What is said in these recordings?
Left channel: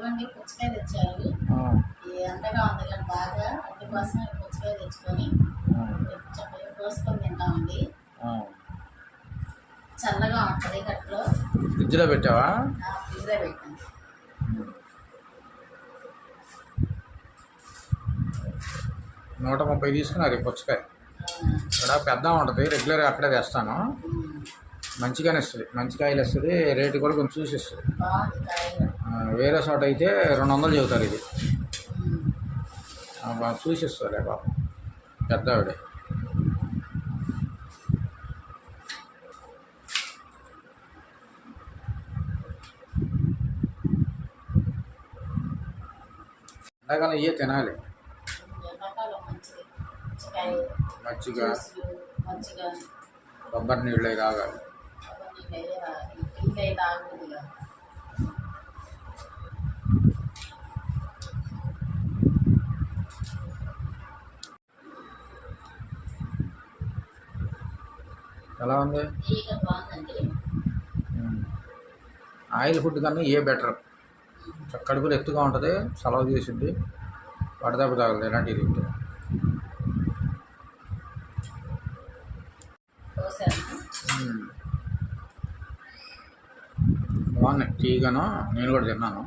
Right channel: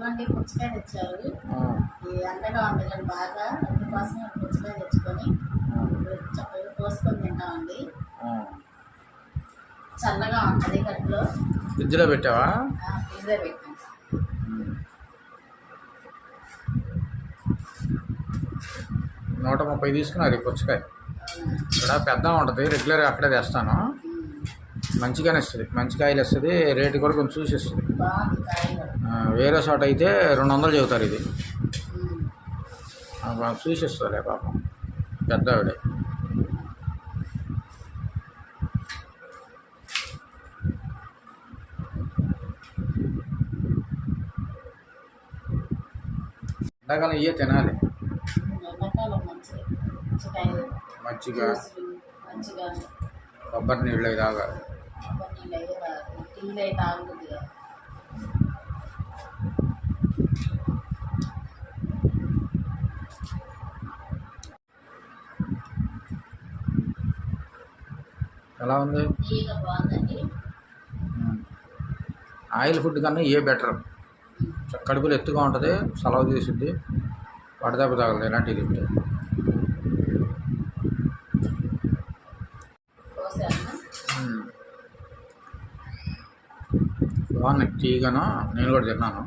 పుచ్చకాయ తెచ్చారు. ఆ, ఈ ఎండగా ఉంది కానీ బాగా అందుకోసం పుచ్చకాయ తెచ్చుకొని చక్కగా కోసుకొని తింటామండి. ఆ. చల్లగా ఉంటుంది ఫ్రిడ్జ్లో పెట్టావా? ఫ్రిడ్జ్లో పెట్టాను. నూట ముప్పై తీసుకున్నారు ఈ పుచ్చకాయ? ఇక్కడ పెద్ద ఉంటుంది రెగ్యులర్గా అక్కడే తెస్తాను. మంచిగానే ఇస్తుంది మంచి కాయలు ఇస్తుంది రేటు కూడా కొంచెం చూసి ఆ, వేరే చోట అయితే రెండు వందలు చెబుతారు ఇది. చూసి ఇస్తుందిలే పాపం. పెద్ద ఆవిడే. ఎండాకాలం ఇవే తినాలి. మజ్జిగ కొబ్బరి నీళ్ళు తాగాలి. అయితే ఆగుతుందిగా ఎలా ఉంది? ఆయిల్ ఫుడ్ కన్నా ఏ బెటర్? కడుపులు ఎత్తుగా ఉంటుంది సెలవు చేసింది వడదెబ్బ తాగలేదు ఇలాంటివి తింటే బాగున్నాయి తీగను నేను కూడా తిన్నాను.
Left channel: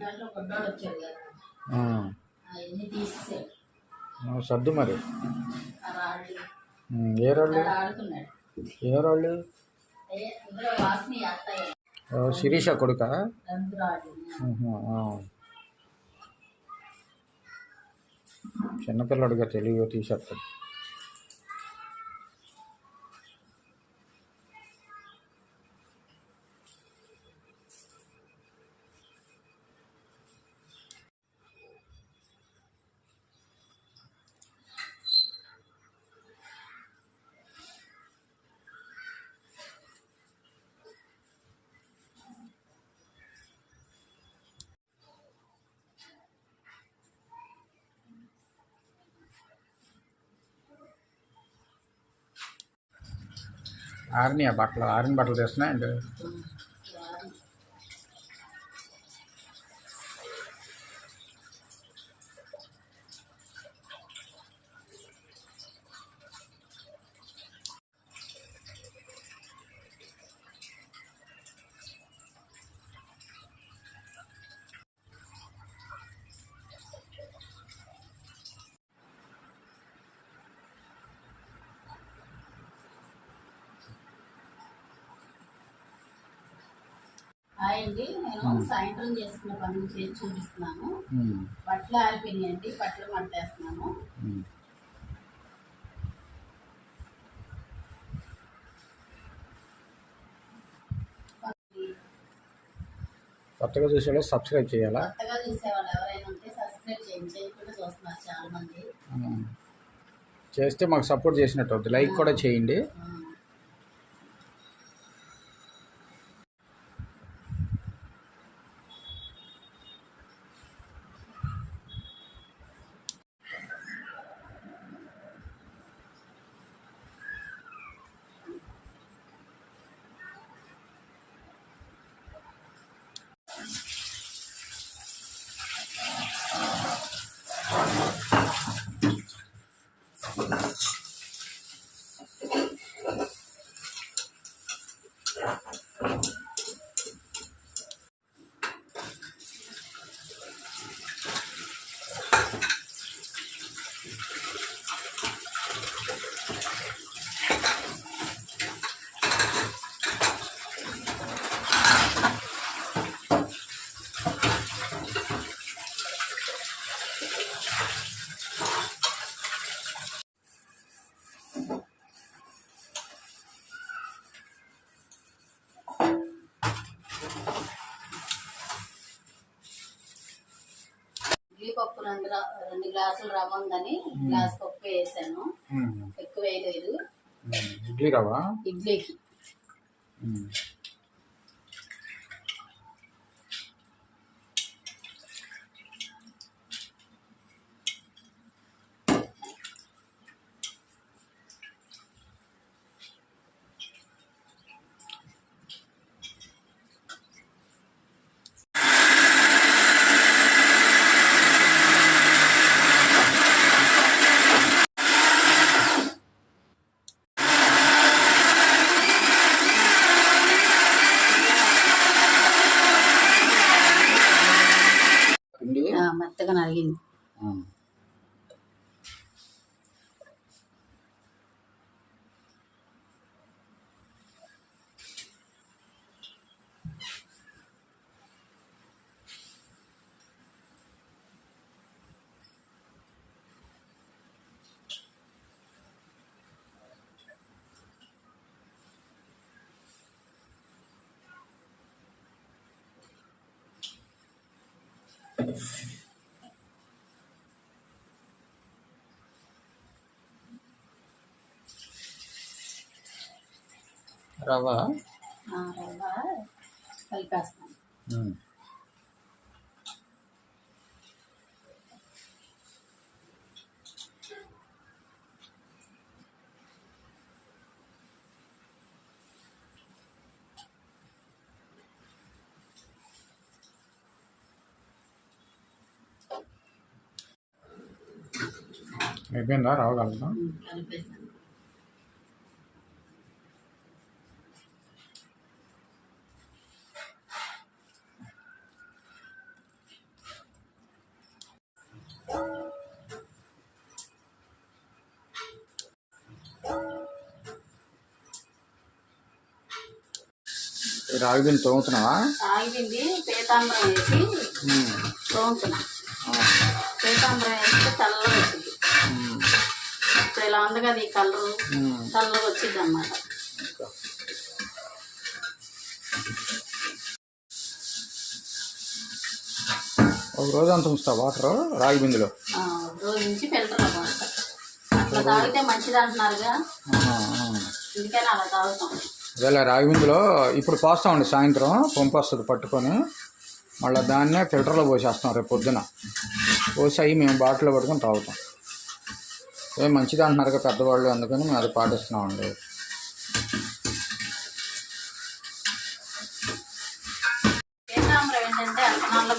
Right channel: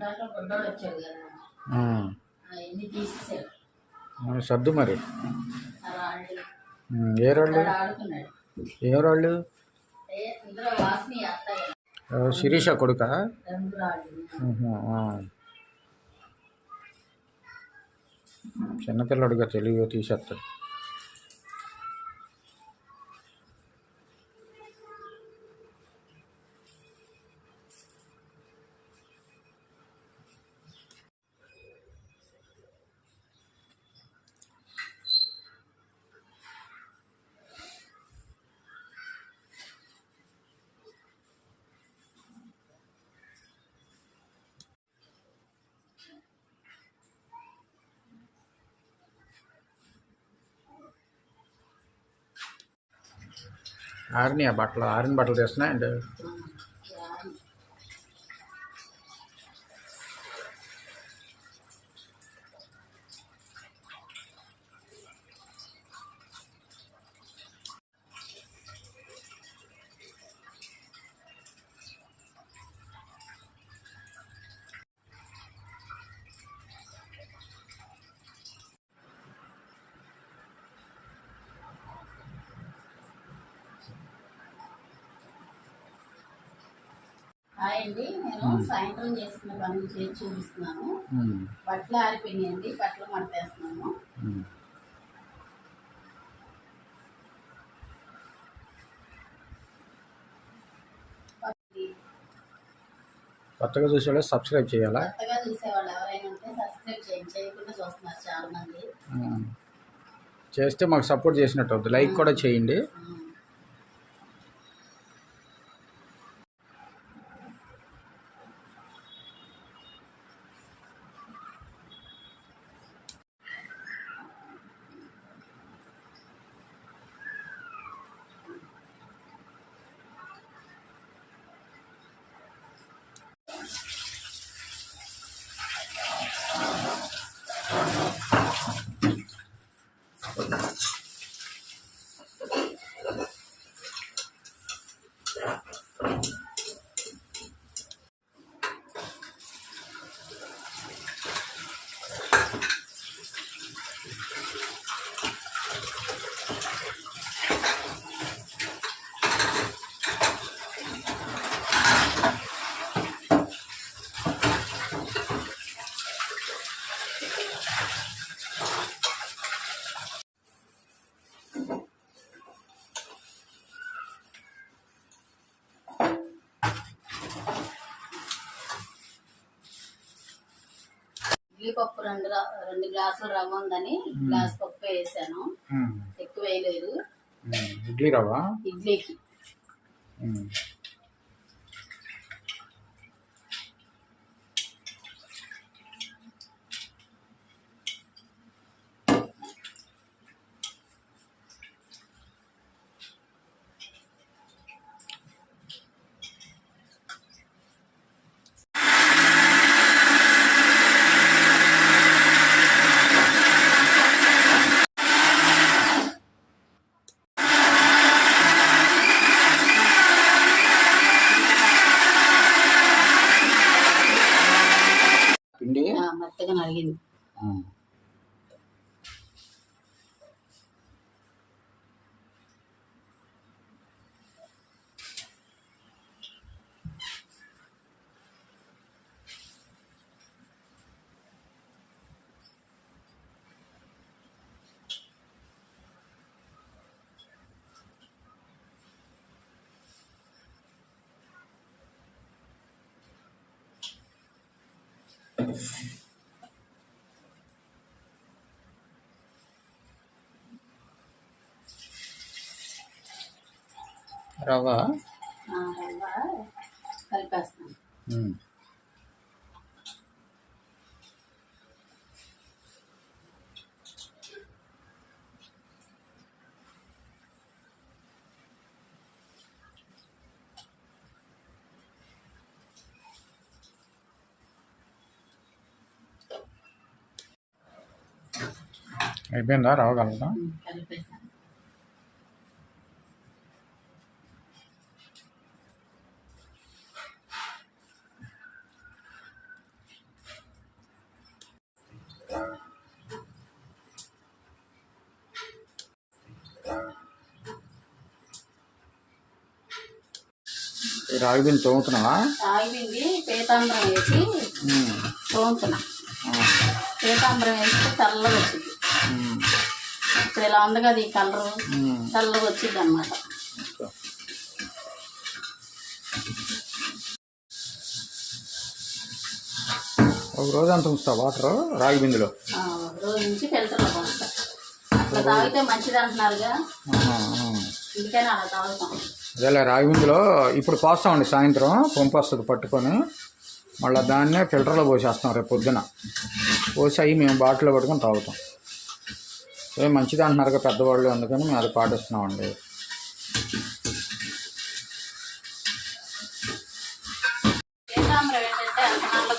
దాంట్లో కొద్దోడు వచ్చాడు కదా. ఉమ్. అవన్నీ తీసేసాడు ఆ, సర్దు మరి. ఆ రాళ్ళు ఏ రాళ్ళు ఆడుకున్నాడు. ఏ రాళ్ళు ఏ ఇందులో వాసన వేస్తాయి కదా ఆ, శిరీష కొడుక? రంగు రాళ్ళు చిన్నపిల్లడుగా తెలివిగా తీసేస్తాడు. ఆరినాయి ఆ బట్టలు ఆరిన బట్టలు తీస్తున్నాయి రాళ్ళు అండి నేను సాయంత్రం చేసుకున్న పనులు చేసి చూపిస్తున్నాను. బట్టలు ఆరిపోయినాయండి. బట్టలు మడతేస్తున్నాను. ఉమ్. కొత్తగా చూసేవాళ్ళు సబ్స్క్రైబ్ చేయాలా? కొత్తగా చూసేవాళ్ళు ఎవరైనా ఉంటే సబ్స్క్రైబ్ చేయండి. చేయకుండా చూస్తున్నారు చాలా మంది. చేస్తే మాకు సపోర్ట్ చేసినట్టు అవుతుంది లైక్ కూడా చేయండి. పప్పు రెండు రెండు గ్లాసులు రవ్వ ఉందని గ్లాస్ పప్పు వేసాను. ఎక్కువ వేయలేదు. ఇడ్లీ రవ్వ? ఇడ్లీకి. రవ్వ? ఆ, రవ్వ కలిపేస్తాను. అయిపోయిందా రాగి బియ్యం తోముతున్నావా పీతాంబరం వేసి. తోముతున్నా. పీతాంబరం వేస్తే తెల్లగా వచ్చింది. ఇప్పుడు ఇలా ఉంది కదా ఈ కలరు. తెల్లగా వచ్చింది అనమాట. ఒక రోజు అంత ఉంచుతా వాటర్? రాగి బిందులో? రోజు నుంచి ఫిల్టర్లో పోస్తా అట్లా తాగితే మంచిది అంటున్నారుగా. ఆహా, ఆహా. అందుకని అలా తాగుతాం. అదేలే రాగి బిందులో ఇప్పుడు పోస్తామండి సాయంత్రం పంపు వస్తుంది పట్టుకొని. మళ్ళీ దాన్నే ఫిల్టర్లో పోసేస్తాం రేపు పొద్దున. పోసి అవి మేము బాటిల్లో పట్టుకొని తాగుతాం. ఏ మంచిది అంటున్నారు కదా పెద్దవాళ్ళు అందుకని మేము అది పాటిస్తున్నామండి. పీతాంబరం ఏంటంటే ఎంత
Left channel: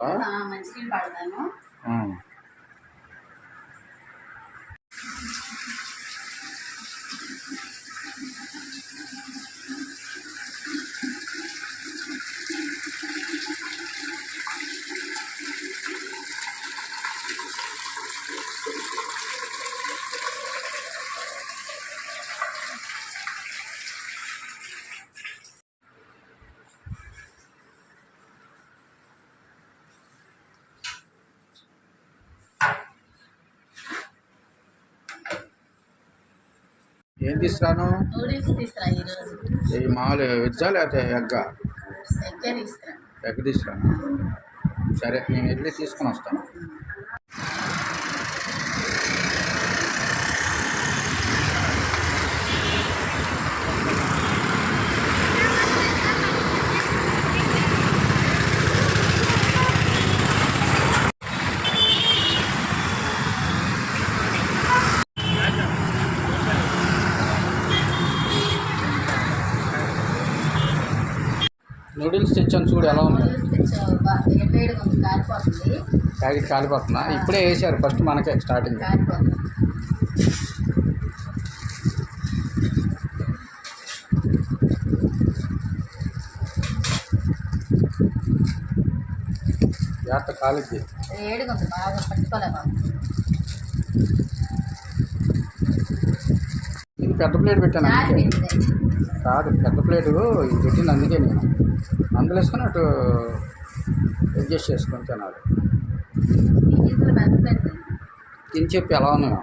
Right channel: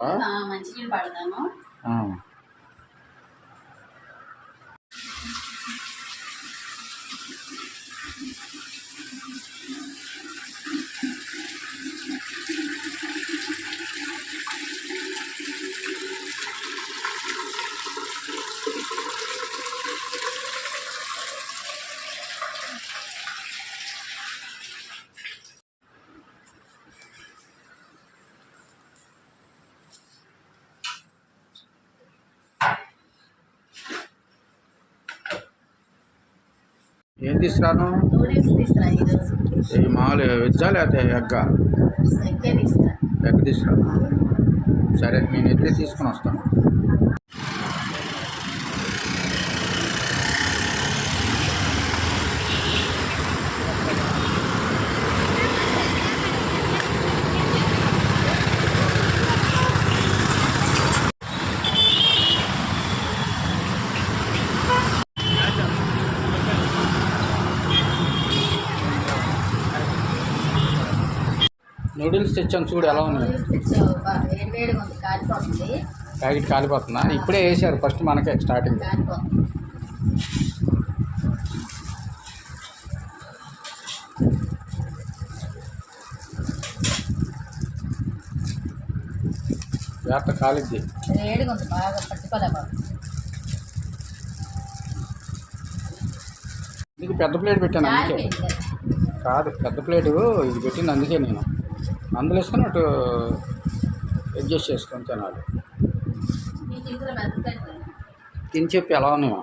మంచినీళ్ళు పడతాను. ఏం తీసుకురాను? ఈ మామూలు వెజ్జా లేకపోతే ఎగ్గా? ఎగ్ తీసుకురా. సరే నేను ఇడ్లీ తీసుకొని వస్తాను. నూడిల్స్ తెచ్చాను చూడు ఎలా ఉన్నాయి? ప్యాకెట్ కాలిపోతుందా? ఇప్పుడే వేసారు ఫస్ట్ మనకే స్టార్టింగ్. జాగ్రత్త కాలిద్ది. వేడిగా ఉంది బాగా పట్టుకోలేకపోతుంది ఇది పెద్ద ప్లేట్ పెట్టాను అందుకే. కాదు పెద్ద ప్లేటు ఇది పెట్టింది అందుకే నేను. అందులో వేసుకొని అటు అడ్జస్ట్ చేసుకొని తినాలి. తిని చెప్పి ఎలా ఉన్నాయో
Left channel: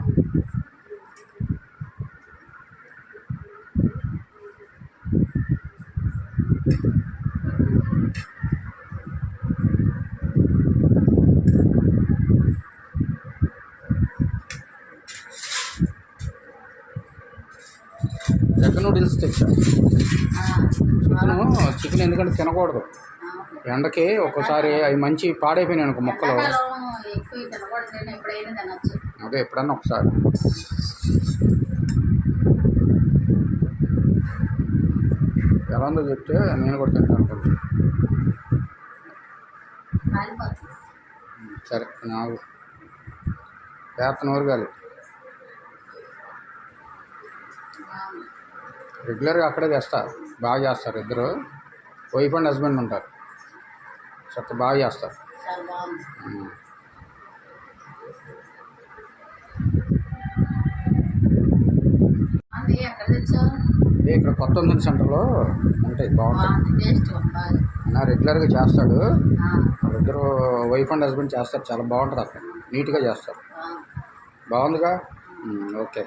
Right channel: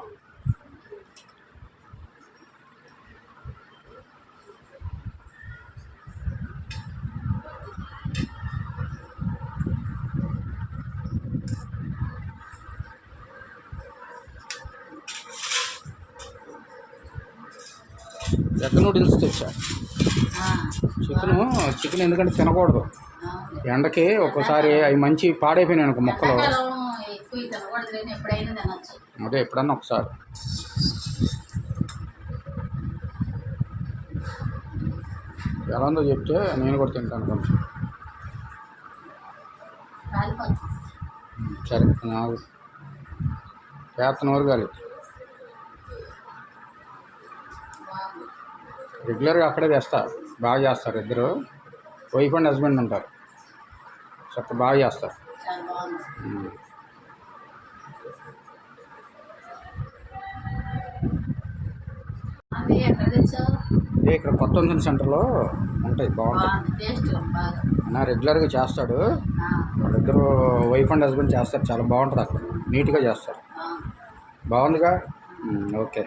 ఎగ్ నూడిల్స్ తెచ్చాను చికెను చికెన్ ఎందుకంటే తినకూడదు. ఎండకి ఒక్కోసారి అవి మంచి పాడైపోయినాయి అనుకో మొక్కలు. అదే ఎప్పుడన్నా ఒకసారి. ఎలా ఉందో చెప్తే నేను కూడా తింటాను కొంచెం. సరే నాకు చేతను ఊరగాలి బాగుంది. రెగ్యులర్గా అక్కడే చేస్తా బాగా చేస్తారు ఇద్దరు. వైఫ్ అండ్ హస్బెండ్ ఉంటారు. చక్క బాగా చేస్తారు. ఇక్కడ కొత్త వంతెన సెంటర్లో ఉంటాయి బాగుంటాయి. నా రెగ్యులర్గా చేస్తాడు. వాళ్ళిద్దరు వైఫ్ అండ్ హస్బెండ్ చేస్తారు చాలా బాగుంటుంది అక్కడ. నీట్గా చేస్తారు. బాగుంది బాగుందిగా? ఓకే.